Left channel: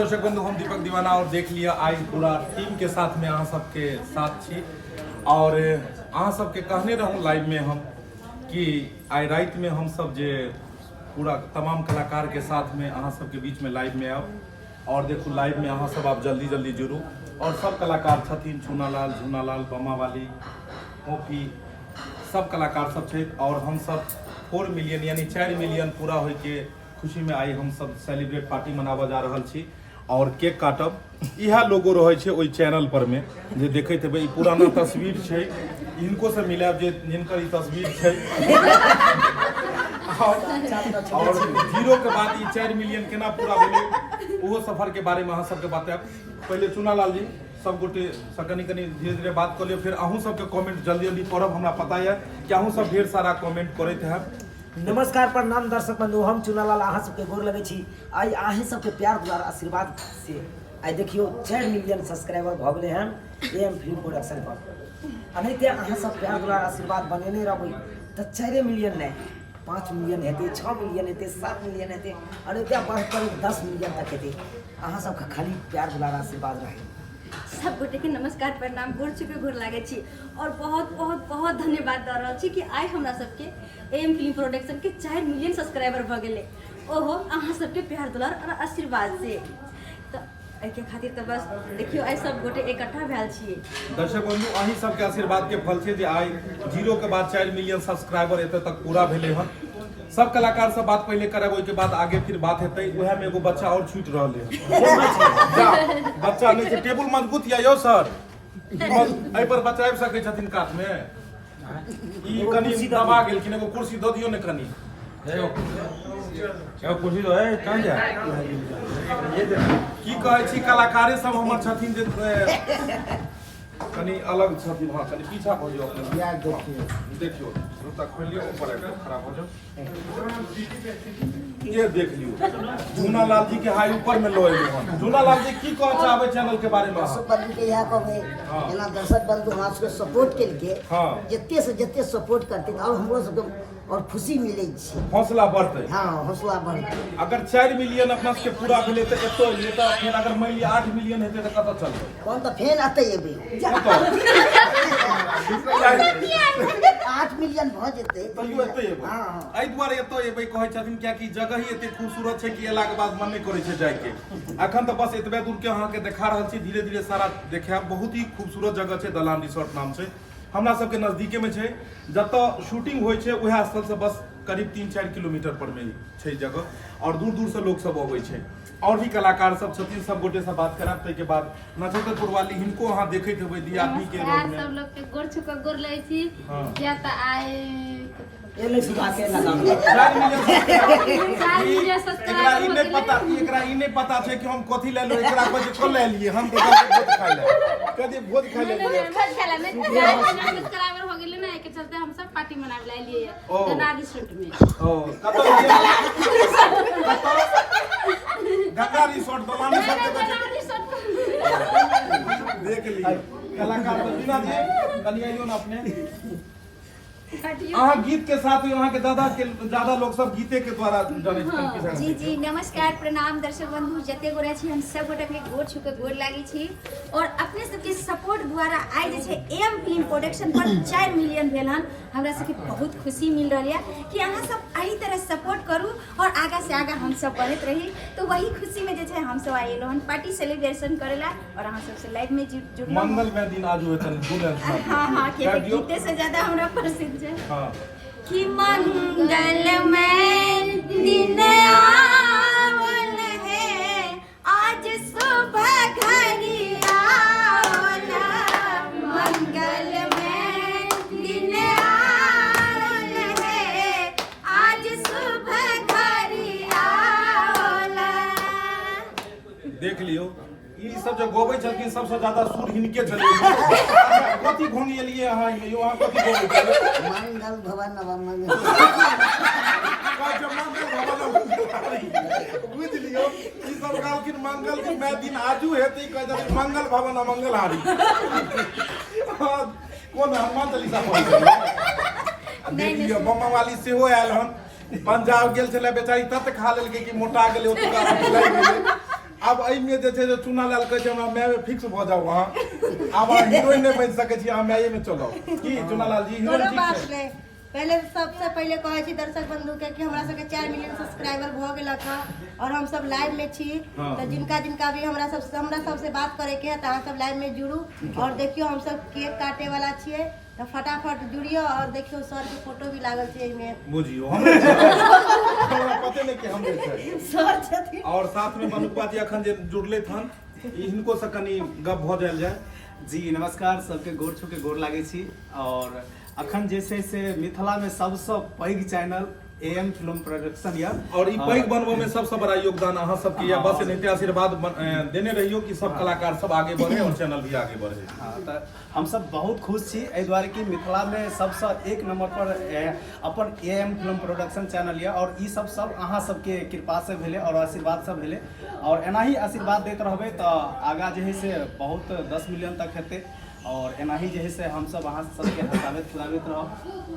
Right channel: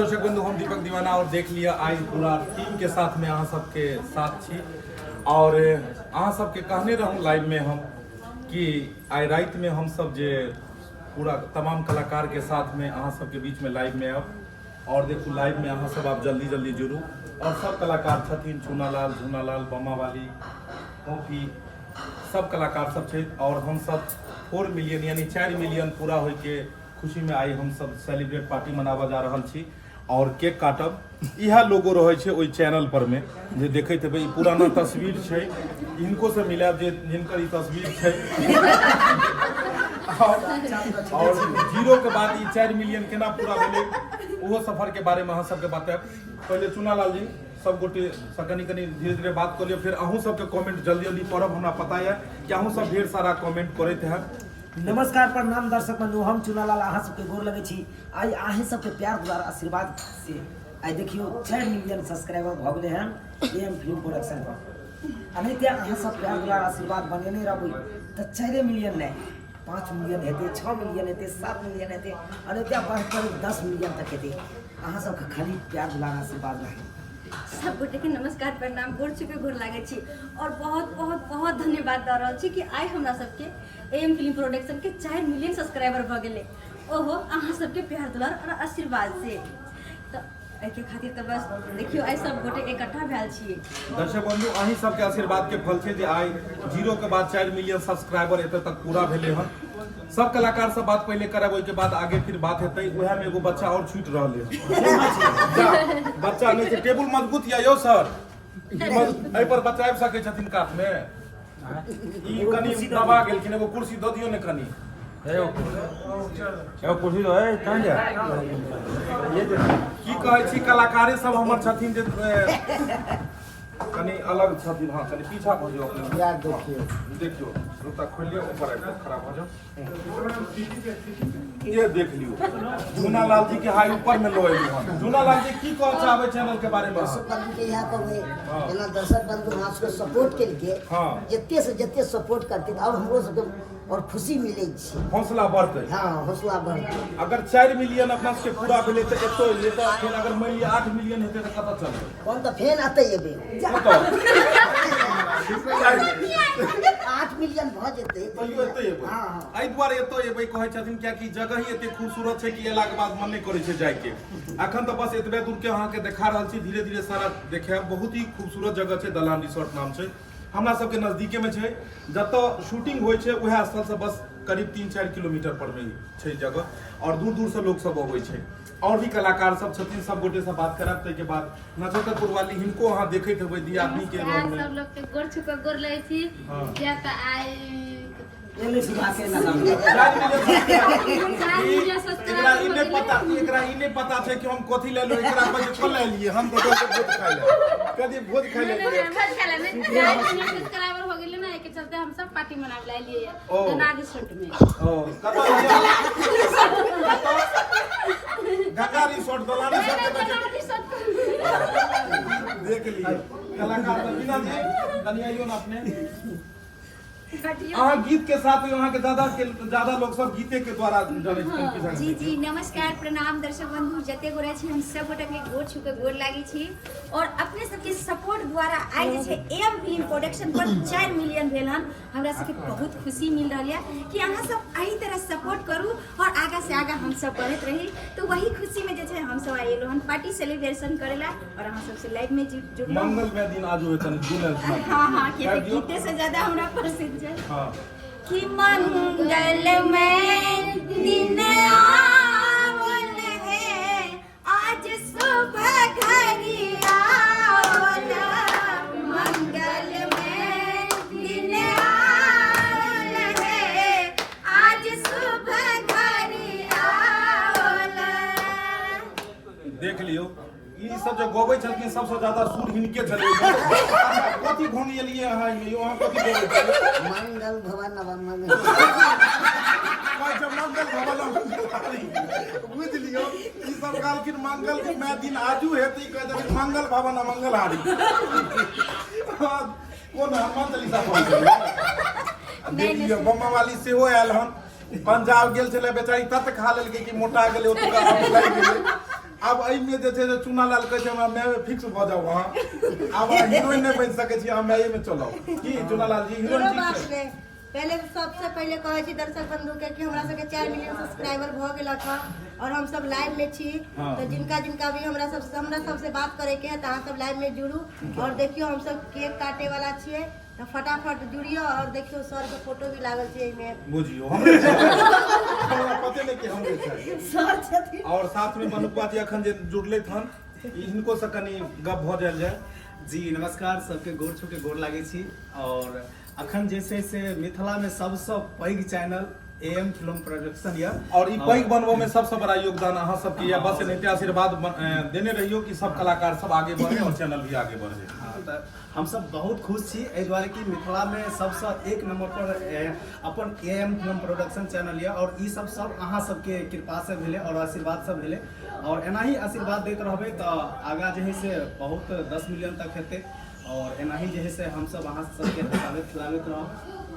दर्शक बंधु, हम दीपक दीवाना और देख लिया आई पूरा टीम के साथ में अहाँ सबके साथ छी और अहाँ सबके कहने रहूँ लाइव में हम कि आई रात में हम सब जे पूरा तमाम कलाकार के साथ में अहाँ सबके बीच में लाइव में अब और देखू लाइव में अहाँ सब आप जल्दी जल्दी जुड़ू और सब कलाकार छथिन, चूनालाल, झूनालाल, बमा वाली, मोफी, सब कलाकार सब छथि और हम सब 4 मिलियन यानी 4 मिलियन पूरा होय के खुशी में आई हम सब सेलिब्रेट पार्टी मनाबा जा रहल छी और केक काटब। इहा लोगो रहे छे ओई चैनल पर में जे देखैत हेबै, ई पुराना तस्वीर छै, इनको से मिलाब जे जिनकर ई तस्वीर छै और 0 के बाद ई 4 मिलियन केना पूरा भेलै ओहो सफर के बारे में अहाँ सबके बताएब। पहले चूनालाल जी सब गोटे से कनी धीरे धीरे बात कर लियो, फिर अहूँ सबके कमेंट जल्दी जल्दी पढ़ब। हमरा पता है कि अहूँ सब ढेर सारा कमेंट करते हैं। नमस्कार, प्रणाम दर्शक बंधु, हम चूनालाल अहाँ सबके गोर लगे छी। आई अहीं सबके प्यार द्वारा आशीर्वाद से आई देखियो 4 मिलियन सब्सक्राइबर भ गेले हैं एम फिल्म प्रोडक्शन पर। अनैते अहाँ सब प्यार द्वारा आशीर्वाद बनेने रहबै त 4 मिलियन नहीं 5 मिलियन हेते, 6 मिलियन हेते, 7 मिलियन हेते, अनैते बढ़कर 10 मिलियन तक हेते। अहाँ सबके खाली प्यार द्वारा आशीर्वाद रहे। सब गोटे के नमस्कार, प्रणाम, गोर छुपे गोर लागे छी और बहुत बहुत बहुत धन्यवाद दे रहल छी कि आई हमरा सबके एम फिल्म प्रोडक्शन के 4 मिलियन सब्सक्राइबर भ गेले। ओहो अहाँ सबके प्यार दुलार और आशीर्वाद से तो एहि के खातिर तो बस देखियो आई सब गोटे इकट्ठा भेल छिए। दर्शक बंधु, अहीं सबके आशीर्वाद के फल छै जे आई 0 के बाद 4 मिलियन सब्सक्राइबर एते तक पूरा भेले हन। सब कलाकार से बात पहले करब, ओइ के बाद आगे फिर बात हेतै। उहे में एगो बच्चा और छूट रहले है। बच्चा नहीं छै, टेबुल मजबूत या यो सर, एहि पर बच्चा आबि सकै छथिन काट में। ई कनी दबा गेल कि एगो कुर्सी द दियौ ने कनी। एगो कुर्सी दो है कहां जाय की कहै छी, कलाकारे सब हमर छथिन जे कनी अलग छथिन। हाँ कनी पीछा भ जाओ अपने। यार देखियो जूता खोलियो, ऊपर आबि खराब हो जाओ। ये देख लियो झूनालाल जी के हाई ऊपर में लो एलु हन। झूनालाल जी की कह चाहबे चैनल के बारे में? दर्शक बंधु के यहाँ कहबे जेना दर्शक बंधु हमरा सबके सपोर्ट केलके, जते से जते सपोर्ट करते और हमरो सबके और खुशी मिले छी, हौसला बढ़ते। हाँ हौसला बढ़ते। अगर 4 मिलियन अपना सबके पूरा भेले त एतो ये त फिर अगर मान लिया 8 मिलियन हेते त कत चलते? कौन तो फेन आते एबे 8 मिलियन भ जेते तइयो एते एबे। हाँ एहि दुआरे एतो एबे कहै छथिन किया कि जगह ही एते खूबसूरत छै कि एला के बाद मन नहीं करे छै जाय के। अखन त बस एतबे दूर के अहाँ के देखा रहल छी, धीरे धीरे सारा देखाब। बहुत ही खूबसूरत जगह छै, दलान रिसोर्ट नाम छै, हमरा सबके नजदीके में छै। जत शूटिंग होय छै उहे स्थल से बस करीब 3-4 किलोमीटर पर में छै जगह और दूर दूर से लोग सब अबै छै। और भी कलाकार सब छथिन, सब गोटे से बात करब। तै के बाद नक्षत्रपुर वाली हिनको अहाँ देखैत हेबै दी आदमी के रोल में। सब लोग के गोर छुके गोर लै छी। किया त आई एले सुबह के लगाम एकरा ई नहीं पता छै कि हम कथि ले लो, एकरा पर जे ले लिए हम तो भोज खाइ ले कदी भोज खाइ ले भोज खाइ ले सब्सक्राइबर हो गेले ना, के चलते हम सब पार्टी मनाब ले लिए दोना रिसोर्ट में। ओ कतो गंगा रिसोर्ट दोलानी रिसोर्ट देख लिए कलाकार बिना दे कनी आइयो ना अपने। अहाँ गीत के साथ वहाँ के ज्यादा लोग सब गीते के द्वारा जाने छथिन। जी जी नमस्कार, प्रणाम दर्शक बंधु, जते गोरे छी हम सब गोटे के गोर छुके गोर लागी छी और अपने सबके सपोर्ट द्वारा आई जे छै एम फिल्म प्रोडक्शन पर 4 मिलियन भेल हन। हमरा सबके बहुत खुशी मिल रही है कि अहाँ सब एही तरह सपोर्ट करू और आगा से आगा हम सब बढ़त रही। तो वही खुशी में जे छै हम सब आइलो हन पार्टी सेलिब्रेशन करेला और अहाँ सब से लाइव में जुड़लो। मंगल में दिन आज होय तनी दुलन सुना। हां के गीते से ज्यादा हमरा प्रसिद्ध है कि मंगल में दिन आवन है, आज सुबह घड़ी आवला। मंगल में दिन आवन है, आज सुबह घड़ी आवला। देख लियो ई सब जो गोबै छलखिन सबसे ज्यादा सुर हिनके छलै। कथि घोनी एलिए अहाँ यो अहाँ कथि गोबै छलिए? मंगल भवन नव मंगल काय जो मंगल भवन बुझ लियो ई सब कहलखिन मंगल में दिन आजू हेतै, कह दे मंगल भवन मंगल हारी। कोन हनुमान चालीसा पढ़ै छै। देख लियो बम्मा वाली सेहो आयल हन, पंजाब गेल छले बेचारी तत खा लेलकै कि मोटा गेलै, ओतुका हम लागि गेलै। अब एहि में जे छै से चुना लाल कहै छै हमरा मैं फिक्स भ जाऊ अहाँ अब हीरोइन नहीं बन सकै छी अहाँ मैं में चलाऊ की चुना लाल जी हीरोइन ठीक छै। पहले सबसे पहले कहै छी दर्शक बंधु के कि हमरा सबके 4 मिलियन सब्सक्राइबर भ गेलक है और हम सब लाइव में छी तो जिनका भी हमरा सबसे बात करे के है तो अहाँ सब लाइव में जुड़ू और देखियो हम सब केक काटे वाला छियै तो फटाफट जुड़ियो और देखियो सर के फोटो भी लागल छै एमे बुझियो हमरा पते नहीं कि हमरे छै सर छथिन और साथ में मनुपा जी अखन जे जुड़ले थन इनको से कनी गप भ जायल जाय। जी नमस्कार सबके गोर छू के गोर लागे छी और अखन जे छै से मिथिला में सबसे पैघ चैनल AM फिल्म प्रोडक्शन या और ई पैघ बनबो में सबसे बड़ा योगदान अहाँ सबके या बस एनाहिते आशीर्वाद देने रहियो कि सब कलाकार सब आगे बढ़े और चैनल भी आगे बढ़े। हाँ, तो हम सब बहुत खुश छी एहि दुआरे कि मिथिला में सबसे एक नंबर पर अपन AM फिल्म प्रोडक्शन चैनल या और ई सब अहाँ सबके कृपा से भेले और आशीर्वाद से भेले और एना ही आशीर्वाद देते रहबे तो आगा जे है से बहुत 10 मिलियन तक हेते और एना ही जे है से हम सब अहाँ सबके हंसाबैत खिलाबैत रहब।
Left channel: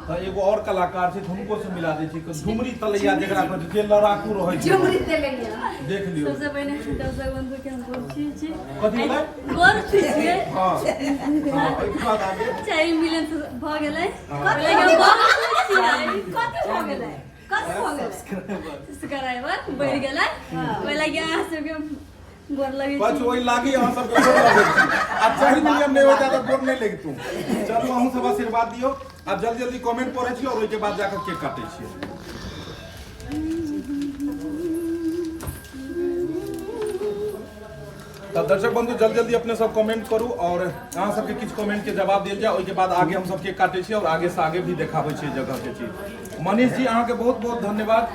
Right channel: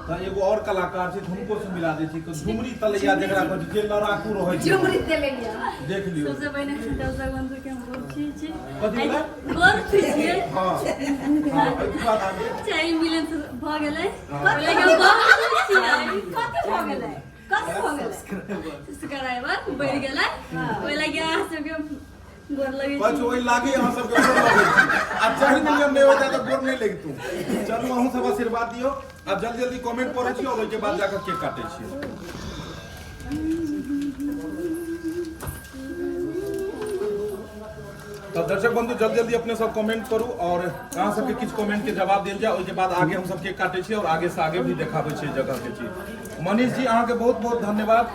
तो एगो और कलाकार छै हुनको से मिला दे छी झुमरी तलैया जेकरा पर जे लड़ाकू रहै छै झुमरी तलैया देख लियो सबसे पहले दर्शक बंधु के हम गोर छी कथि भेलै गोर छी हां हां एक बात आगे 4 मिलियन भ गेलै बोले के बहुत खुश छी आई कथी भ गेलै कथी भ गेलै सब्सक्राइबर बढ़ गेलै ओइ लागि अहाँ सबके गोर लगे बस वही लागी अहाँ सबके गोर लगे आ 4 मिलियन नहीं होता तो गोर नहीं लगी तू चलू अहूँ सब आशीर्वाद दियो अब जल्दी जल्दी कमेंट पढ़े छी और ओइ के बाद जाकर केक काटे छी। तब दर्शक बंधु जल्दी जल्दी अपने सब कमेंट करू और अहाँ सबके किछ कमेंट के जवाब देल जाए ओइ के बाद आगे हम सब केक काटे छी और आगे से आगे भी देखाबै छी जगह के चीज। मनीष जी अहाँ के बहुत बहुत धन्यवाद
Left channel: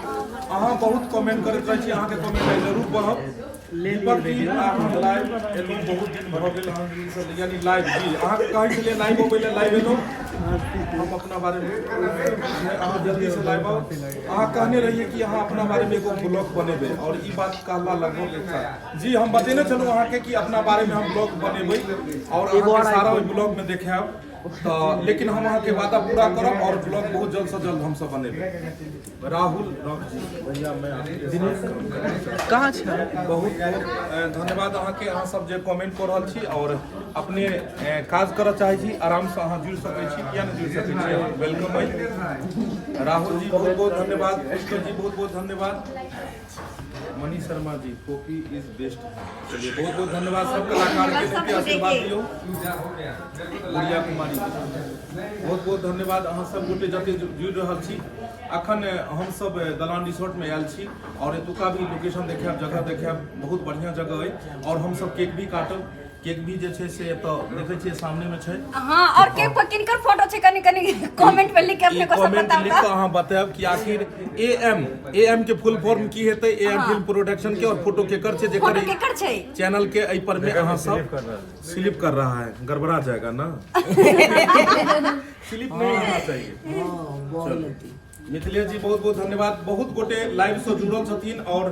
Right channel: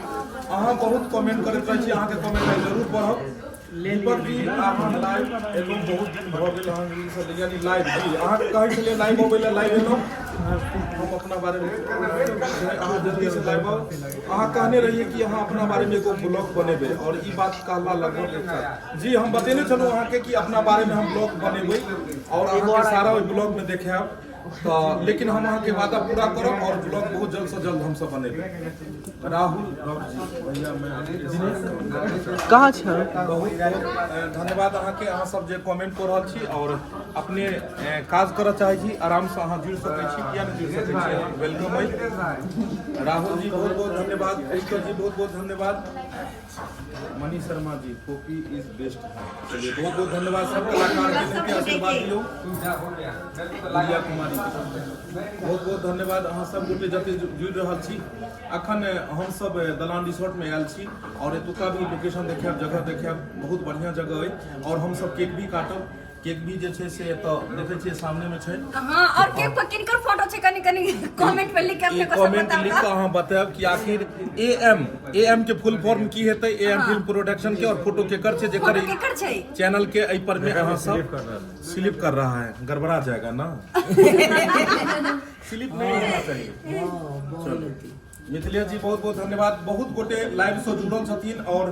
अहाँ बहुत कमेंट करैत रहे छी अहाँ के कमेंट जरूर पढ़ब। दीपक जी अहाँ लाइव एलो बहुत दिन भ गेल अहाँ यानी लाइव जी अहाँ कहै छलिए लाइव होबै ले लाइव एलो हम अपना बारे में अहाँ जल्दी से लाइव आओ अहाँ कहने रहिए कि अहाँ अपना बारे में एगो ब्लॉग बनेबै और ई बात कहला लगभग एक साल जी हम बतेने छलू अहाँ के कि अपना बारे में हम ब्लॉग बनेबै और अहाँ के सारा ओइ ब्लॉग में देखाब तो लेकिन हम अहाँ के वादा पूरा करब और ब्लॉग बहुत जल्द से जल्द हम सब बनेबै। राहुल जी भैया मैं कहाँ छ बहुत बहुत धन्यवाद अहाँ के अहाँ सब जे कमेंट कर रहल छी और अपने काज करऽ चाहै छी आराम से अहाँ जुड़ सकै छी किया नहीं जुड़ सकै छी वेलकम भाई। राहुल जी बहुत बहुत धन्यवाद पुष्कर जी बहुत बहुत धन्यवाद Manish Sharma ji copy is best चलिए बहुत बहुत धन्यवाद सब कलाकार के सबके आशीर्वाद दियो। गुड़िया कुमारी जी बहुत बहुत धन्यवाद अहाँ सब गोटे जते जुड़ रहल छी अखन हम सब दलान रिसोर्ट में आयल छी और एतुका भी लोकेशन देखाब जगह देखाब बहुत बढ़िया जगह है और हम सब केक भी काटब केक भी जे छै से तो देखे छियै सामने में छै। हां और केक पर किनकर फोटो छै कनी कनी कमेंट पे लिख के अपने को सब कमेंट लिख के अहाँ बताएब कि आखिर AM के फुल फॉर्म की हेतै AM फिल्म प्रोडक्शन के और फोटो केकर छै जेकर चैनल के एहि पर में अहाँ सब स्लिप कर रहा है गड़बड़ा जाएगा ना स्लिप नहीं होना चाहिए। मिथिलेश जी बहुत बहुत धन्यवाद बहुत गोटे लाइव से जुड़ल छथिन और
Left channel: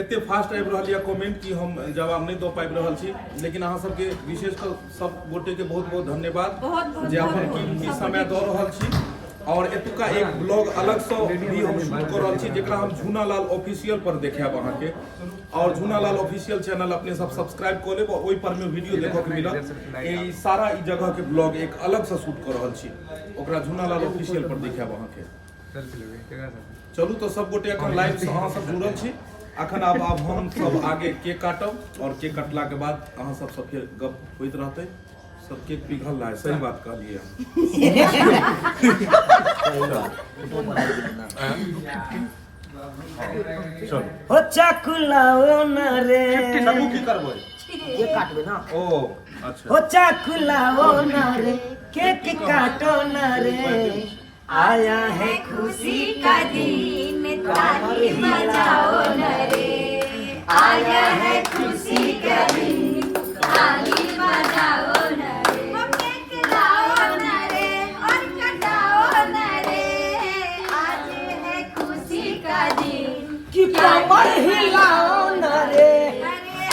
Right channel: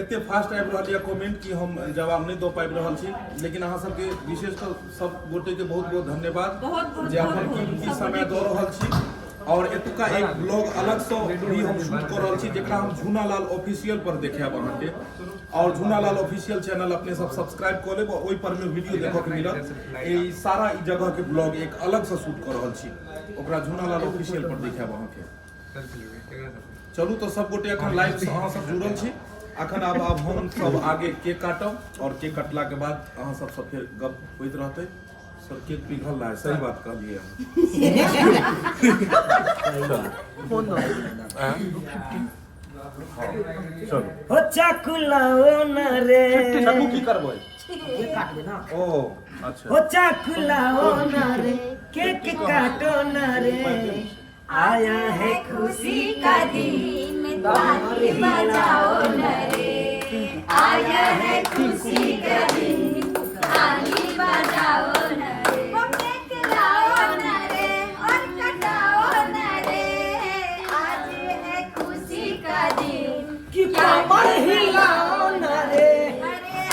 एते फास्ट आबि रहल है कमेंट कि हम जवाब नहीं दो पाबि रहल छी लेकिन अहाँ सबके विशेष सब गोटे के बहुत बहुत धन्यवाद जे अपन कीमती समय दऽ रहल छी और एतुका एक ब्लॉग अलग से भी हम शूट कर रहल छी जेकरा हम झूनालाल ऑफिशियल पर देखाब अहाँ के और झूनालाल ऑफिशियल चैनल अपने सब सब्सक्राइब कर लेब ओइ पर में वीडियो देखो के मिलत ई सारा ई जगह के ब्लॉग एक अलग से शूट कर रहल छी ओकरा झूनालाल ऑफिशियल पर देखाब अहाँ के। चलू तो सब गोटे अखन लाइव से अहाँ सब जुड़ल छी अखन अब हम सब आगे केक काटब और केक कटला के बाद अहाँ सब फिर गप होइत रहते सर केक पिघल रहा है सही बात कहलिए चलो हो चाकुलाओ न रे चलू की करबै ये काटबे ना ओ अच्छा हो चाकुलाओ न रे केक काटो न रे आया है खुशी का दिन ताली बजाओ न रे आया है खुशी का दिन ताली बजाओ न रे केक लाओ न रे और कटाओ न रे आज है खुशी का दिन कि कमर हिलाओ न रे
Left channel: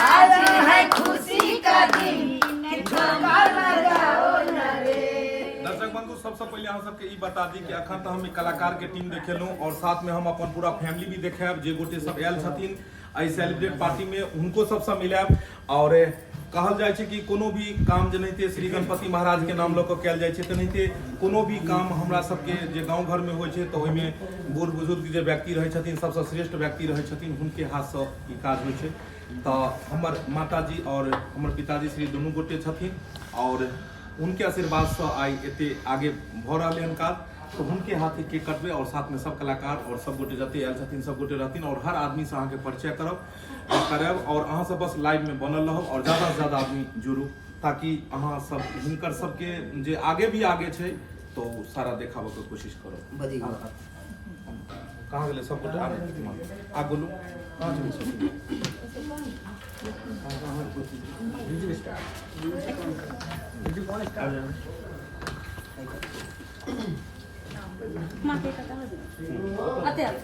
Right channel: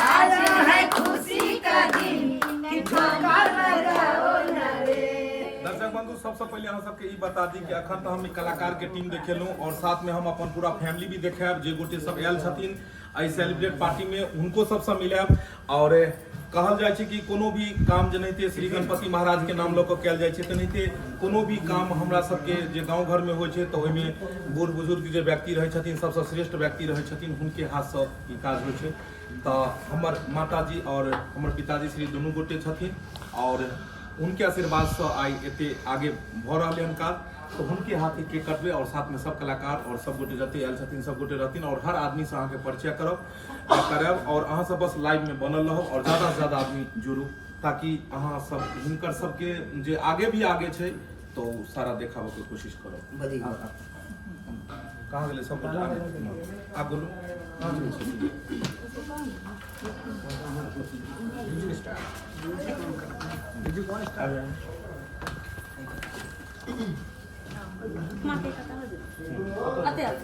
आया है खुशी का दिन कि ठुमका लगाओ न रे। दर्शक बंधु सबसे पहले हम सबके ई बता दी कि अखन तो हम कलाकार के टीम देखेलहुँ और साथ में हम अपन पूरा फैमिली भी देखाब जे गोटे सब आयल छथिन आई सेलिब्रेट पार्टी में हुनको सबसे मिलाब और कहल जाय छै कि कोनो भी काम जेनाहिते श्री गणपति महाराज के नाम लऽ कऽ कयल जाइ छै तेनाहिते कोनो भी काम हमरा सबके जे गाँव घर में होइ छै तऽ ओहिमे बूढ़ बुजुर्ग जे व्यक्ति रहै छथिन सबसँ श्रेष्ठ व्यक्ति रहै छथिन हुनके हाथसँ ई काज होइ छै। तऽ हमर माताजी और हमर पिताजी श्री दुनू गोटे छथिन और उनके आशीर्वाद से आई एते आगे भऽ रहलै हन काज। तो उनके हाथ ही केक कटबे और साथ में सब कलाकार और सब गोटे जते आयल छथिन सब गोटे रहथिन और हर आदमी से अहाँके परिचय करब और अहाँ सब बस लाइव में बनल रहब और ज्यादा से ज्यादा आदमी जुड़ू ताकि अहाँ सब हिनकर सबके जे आगे भी आगे छै तो सारा देखाबे के कोशिश करब। कहाँ गेले सब गोटे आ बोलू कहाँ चलू माँ के कथा हो गई आते आप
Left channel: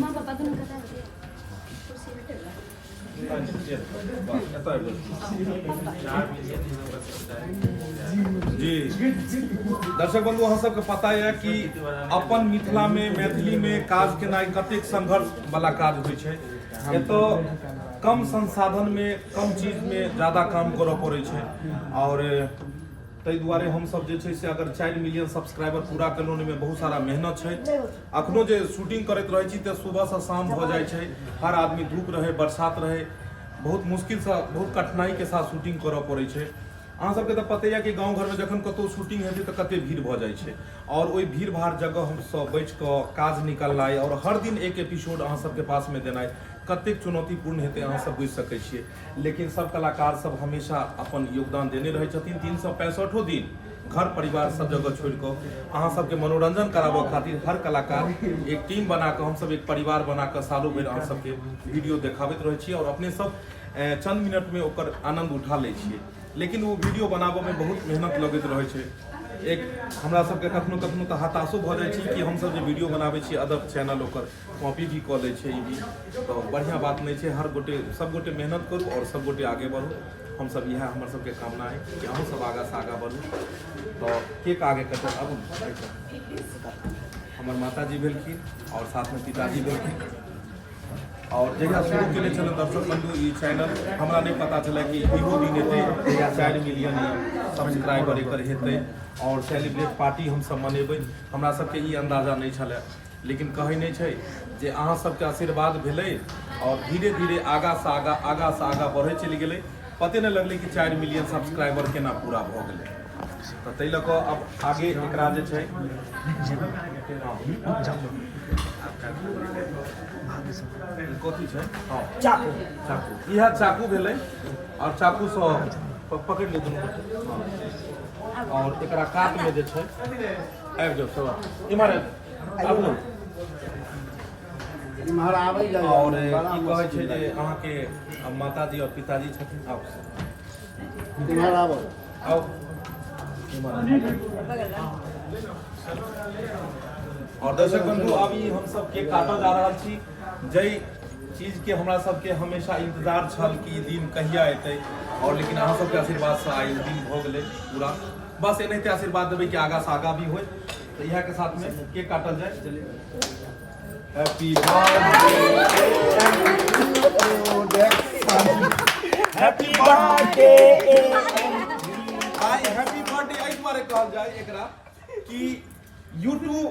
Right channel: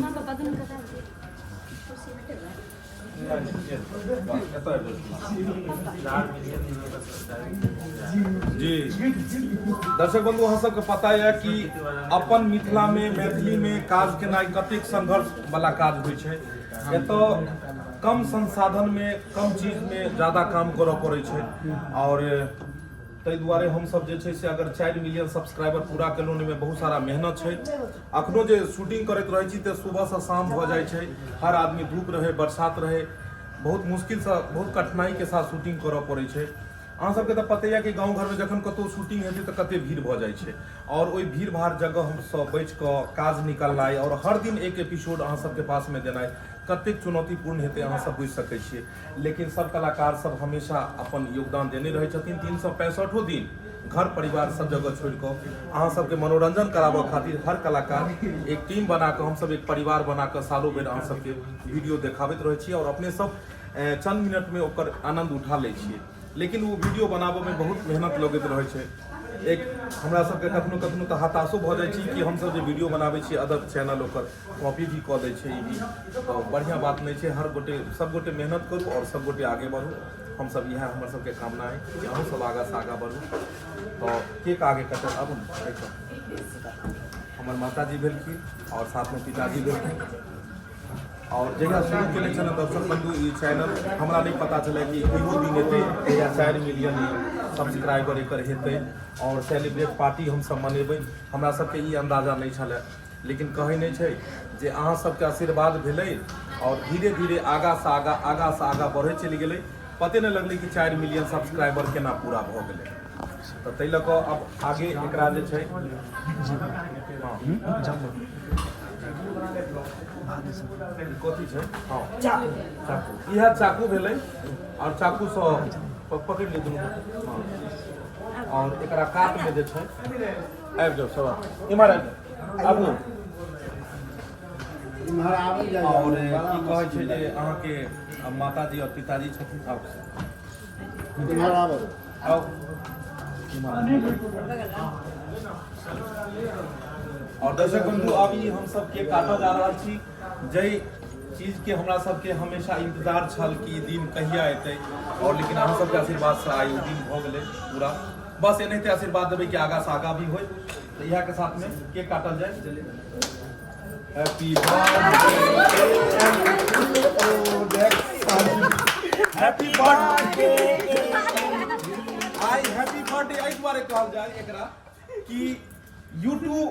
माँ पापा दोनों कथा हो गई जी दर्शक बंधु अहाँ सबके पता है कि अपन मिथिला में मैथिली में काज केनाइ कतेक संघर्ष वाला काज होइ छै। एतऽ कम संसाधन में कम चीज में ज्यादा काम करऽ पड़ै छै और ताहि दुआरे हम सब जे छै से अगर 4 मिलियन सब्सक्राइबर पूरा केलहुँ में बहुत सारा मेहनत छै। अखनो जे शूटिंग करैत रहै छी तऽ सुबह से शाम भऽ जाइ छै, हर आदमी धूप रहे बरसात रहे बहुत मुश्किल से बहुत कठिनाई के साथ शूटिंग करऽ पड़ै छै। अहाँ सबके तऽ पते है कि गाँव घर में जखन कतौ शूटिंग हेतै तऽ कते भीड़ भऽ जाइ छै और ओहि भीड़ भाड़ जगह हम सब बैठ कऽ काज निकालनाइ और हर दिन एक एपिसोड अहाँ सबके पास में देनाइ कतेक चुनौतीपूर्ण हेतै अहाँ सब बुझि सकै छियै। लेकिन सब कलाकार सब हमेशा अपन योगदान देने रहै छथिन। 365 दिन घर परिवार सब जगह छोड़ कऽ अहाँ सबके मनोरंजन कराबऽ खातिर हर कलाकार एक टीम बना कऽ हम सब एक परिवार बना कऽ सालों भरि अहाँ सबके वीडियो देखाबैत रहै छियै और अपने सब चंद मिनट में ओकर आनंद उठा लै छियै। लेकिन वो वीडियो बनाबऽ में बहुत मेहनत लगैत रहै छै। एक हमरा सबके कखनो कखनो तऽ हताशो भऽ जाइ छी कि हम सब जे वीडियो बनाबै छी अदर चैनल ओकर कॉपी भी कऽ दै छै। ई भी तो बढ़िया बात नहीं छै। हर गोटे सब गोटे मेहनत करू और सब गोटे आगे बढ़ू। हम सब इएह हमर सबके कामना है कि अहूँ सब आगा से आगा बढ़ू। तो केक आगे कटल आबू हमर माताजी भेलखिन और साथ में पिताजी भेलखिन और जहिया शुरू केने छल दर्शक बंधु ई चैनल हमरा नहीं पता चला कि इहो दिन हेतै जहिया 4 मिलियन सब्सक्राइबर एकर हेतै और सेलिब्रेट पार्टी हम सब मनेबै। हमरा सबके ई अंदाजा नहीं छलै लेकिन कहै नहीं छै जे अहाँ सबके आशीर्वाद भेलै और धीरे धीरे आगा से आगा बढ़े चलि गेलै। पते नहीं लगलै कि 4 मिलियन सब्सक्राइबर केना पूरा भऽ गेलै। तऽ ताहि लऽ कऽ अब आगे एकरा जे छै कथी छै चाकू इएह चाकू भेलै और चाकू से पकड़ि लियौ दुनू गोटे और एकरा काट में जे छै आबि जाउ सब इम्हर आबू और की कहै छै जे अहाँके माताजी और पिताजी छथिन आउ और दर्शक बंधु अभी हम सब केक काटल जा रहल छी। जय चीज के हमरा सबके हमेशा इंतजार छल कि दिन कहिया एतै और लेकिन अहाँ सबके आशीर्वाद से आई दिन भऽ गेलै पूरा। बस एनाहिते आशीर्वाद देबै कि आगा से आगा भी होय। तो इएह के साथ में केक काटल जाए। हैप्पी बर्थडे आई हैप्पी बर्थडे एहि दुआरे कहल जाए एकरा कि यूट्यूब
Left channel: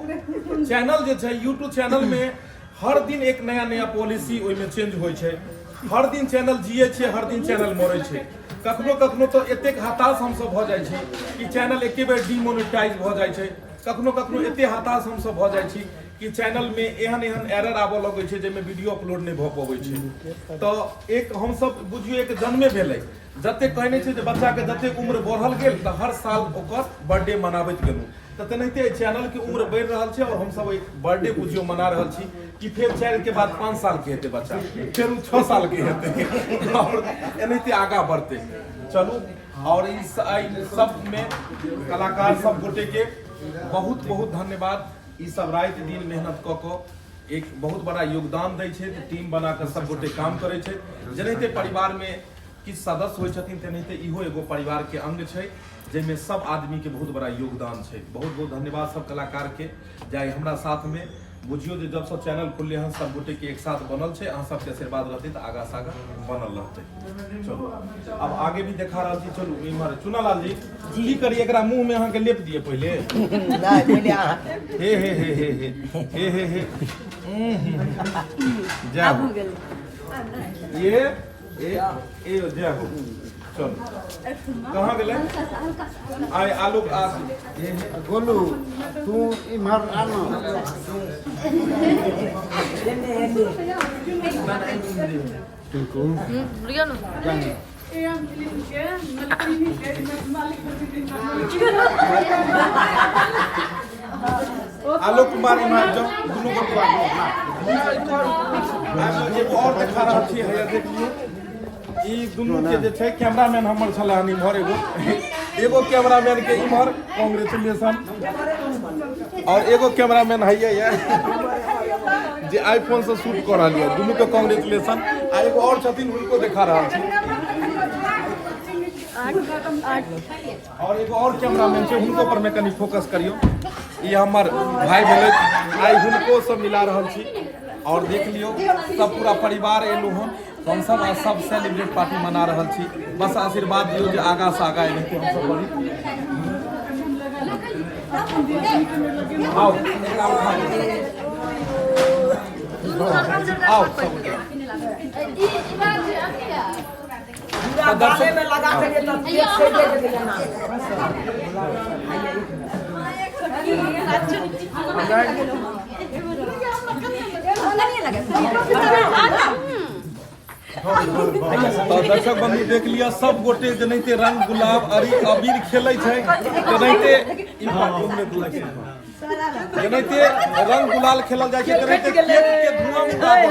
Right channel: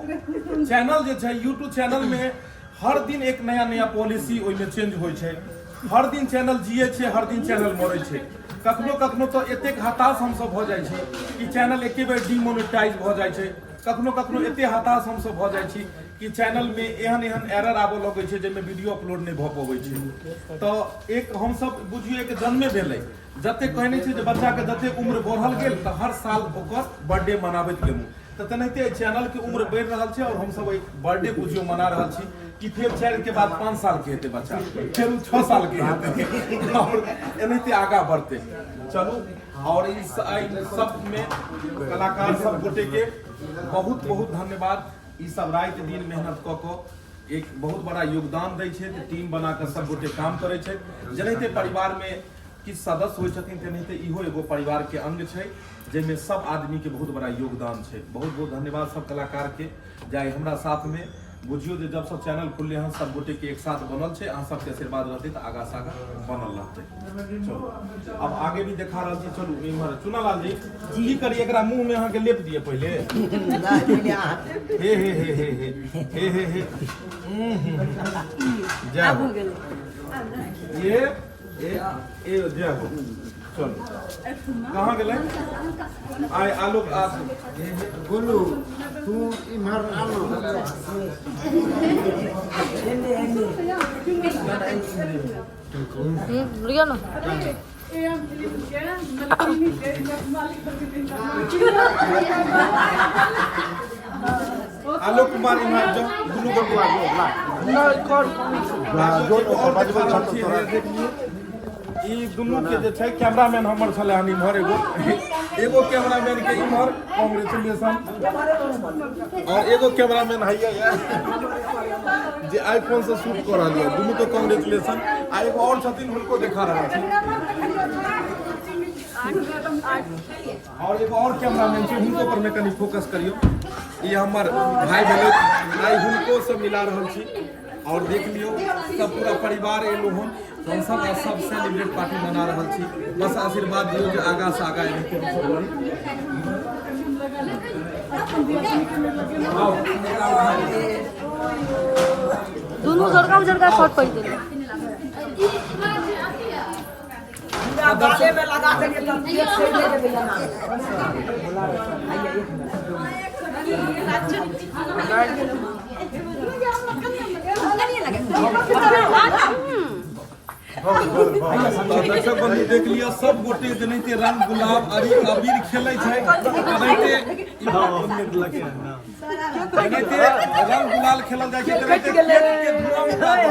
चैनल जे छै यूट्यूब चैनल में हर दिन एक नया नया पॉलिसी ओहिमे चेंज होइ छै। हर दिन चैनल जिये छै, हर दिन चैनल मरै छै। कखनो कखनो तो एतेक हताश हम सब भऽ जाइ छी कि चैनल एके बेर डिमोनेटाइज भऽ जाइ छै। कखनो कखनो एते हताश हम सब भऽ जाइ छी कि चैनल में एहन एहन एरर आबऽ लगै छै जाहिमे वीडियो अपलोड नहीं भऽ पबै छै। तो एक हम सब बुझियो एक जन्मे भेलै जते कहने छै जे बच्चा के जते उम्र बढ़ल गेल तऽ हर साल ओकर बर्थडे मनाबैत गेलहुँ। तो तेनाहिते चैनल के उम्र बढ़ि रहल छै और हम सब एक बर्थडे बुझियो मना रहल छी कि फिर 4 के बाद 5 साल के हेतै बच्चा, फिर 6 साल के हेतै और एनाहिते आगा बढ़तै। चलू और इस सब में कलाकार सब गोटे के बहुत बहुत धन्यवाद। ई सब रात दिन मेहनत कऽ कऽ एक बहुत बड़ा योगदान दै छै। टीम बना कऽ सब गोटे काम करै छै। जेनाहिते परिवार में किछु सदस्य होइ छथिन तेनाहिते इहो एगो परिवार के अंग छै। जिसमें सब आदमी के बहुत बड़ा योगदान है। बहुत बहुत धन्यवाद सब कलाकार के जाए हमरा साथ में बुझियो जे जब सब चैनल खुलले हैं सब गोटे के एक साथ बनल है। अहाँ सबके आशीर्वाद रहते तो आगा से आगा बनल रहते। चलो अब आगे भी देखा रहा छी। चलू इमहर चुनालाल जी की करी एकरा मुंह में अहाँ के लेप दिए पहले। हे हे हे हे हे हे हे जय हो ये जय हो। चलो कहाँ गए आए आलोक आप बोलू तू इमहर आनो लियो ना आलोक कुमार इमहर जो दोनों को और दिखा रहा छी है देख लियो। ई दुनू के जे छै कैमरामैन हमर छले हन इमहर एगो कैमरामैन के इमहर कांग्रेचुलेशन और एगो कैमरामैन है ये जे आईफोन से शूट कर रहल है। दुनू के कांग्रेचुलेशन। आ एगो और छथिन हुनको दिखा रहल छी और एगो और कैमरामैन छै हुनको पर में कनी फोकस करियो। ये हमर भाई भेलै आई हुनको से मिला रहल छी और देख लियो सब पूरा परिवार एलो हन। हम सब सेलिब्रेट पार्टी मना रहल छी। बस आशीर्वाद दियो जे आगा से आगा एनाहिते हम सब बढ़ी। आओ दोनों जगह शॉट पड़ गए। पूरा गाने में लगा के तब एक से ले लेना। दर्शक बंधु देख लिया सब गोटे जनाते रंग गुलाब अबीर खेलै छै जनाते जनाते रंग गुलाल खेलल जाय छै जनाते केक के धुआं उड़ाबै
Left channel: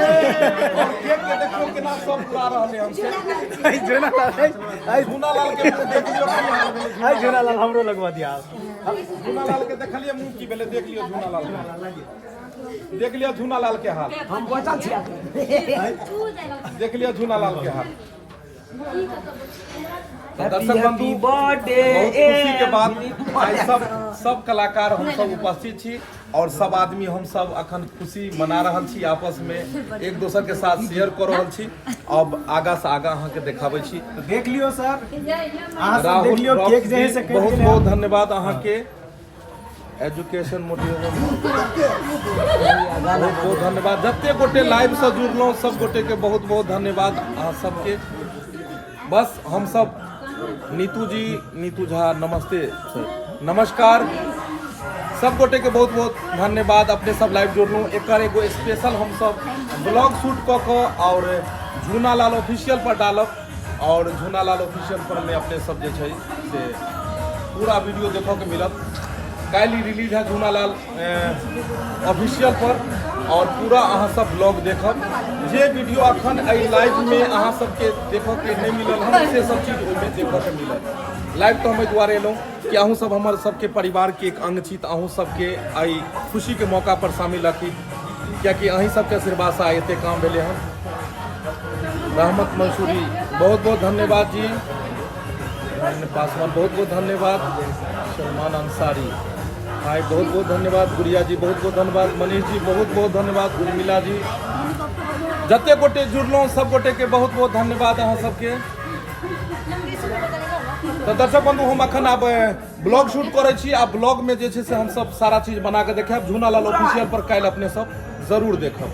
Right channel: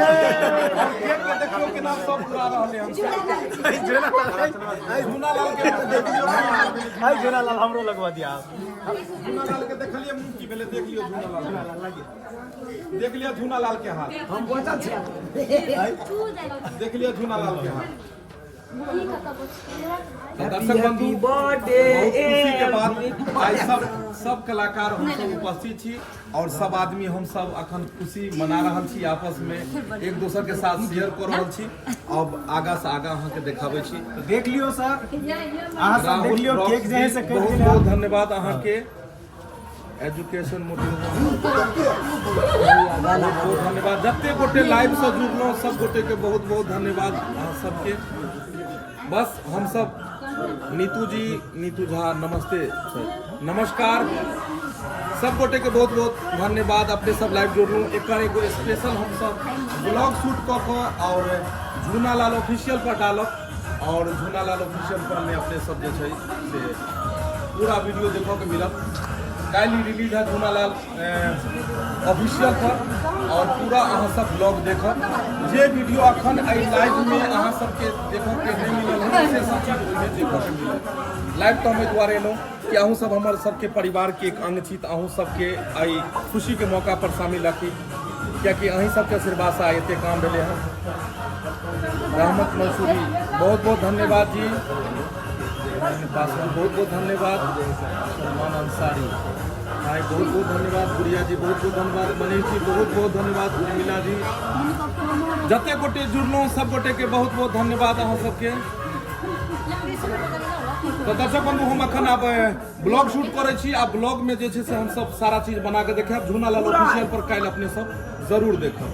और केक के देखियो केना सब उड़ा रहले हम आई झूनालाल के मुंह देख लियो। आई झूनालाल हमरो लगवा दिया। झूनालाल के देखलिए मुंह की भेले देख लियो। झूनालाल देख लियो झूनालाल के हाल हम बचल छी। देख लियो झूनालाल के हाल। तो दर्शक बंधु बहुत खुशी के बाद आई सब कलाकार हम सब उपस्थित छी और सब आदमी हम सब अखन खुशी मना रहल छी आपस में एक दूसर के साथ शेयर कर रहल छी। अब आगा से आगा अहाँ के देखाबै छी। तो देख लियो सर अहाँ सब देख लियो केक जे है से बहुत बहुत धन्यवाद अहाँ के एजुकेशन मोटिवेशन बहुत धन्यवाद। जते गोटे लाइव से जुड़लो सब गोटे के बहुत बहुत धन्यवाद अहाँ सबके। बस हम सब नीतू झा नमस्ते सर नमस्कार सब गोटे के बहुत बहुत धन्यवाद। अपने सब लाइव जोड़लू एक एगो स्पेशल हम सब ब्लॉग शूट कऽ और झूनालाल ऑफिशियल पर डालब और झूनालाल ऑफिशियल पर में अपने सब जे छै से पूरा वीडियो देखो के मिलत। काल्हि रिलीज है झूनालाल ऑफिशियल पर और पूरा अहाँ सब ब्लॉग देखब। जे वीडियो अखन लाइव में अहाँ सबके देखो के नहीं मिलल है से सब चीज ओहिमे देखो के मिलत। लाइव तो हम दुआरे एलहुँ कि अहूँ सब हमर सबके परिवार के एक अंग छी। अहूँ सबके आई खुशी के मौका पर शामिल रखी कियाकि अहीं सबके आशीर्वाद से एते काम भेले हैं। रहमत मंसूरी बहुत बहुत धन्यवाद जी। पासवान बहुत बहुत धन्यवाद। सलमान अंसारी भाई बहुत बहुत धन्यवाद। गुड़िया जी बहुत बहुत धन्यवाद। मनीष जी बहुत बहुत धन्यवाद। उर्मिला जी जते गोटे जुड़लो सब गोटे के बहुत बहुत धन्यवाद अहाँ सबके। तो दर्शक बंधु हम अखन अब ब्लॉग शूट करे छी। आ ब्लॉग में जे छै से हम सब सारा चीज बना के देखाब। झूनालाल ऑफिशियल पर काल्हि अपने सब जरूर देखब।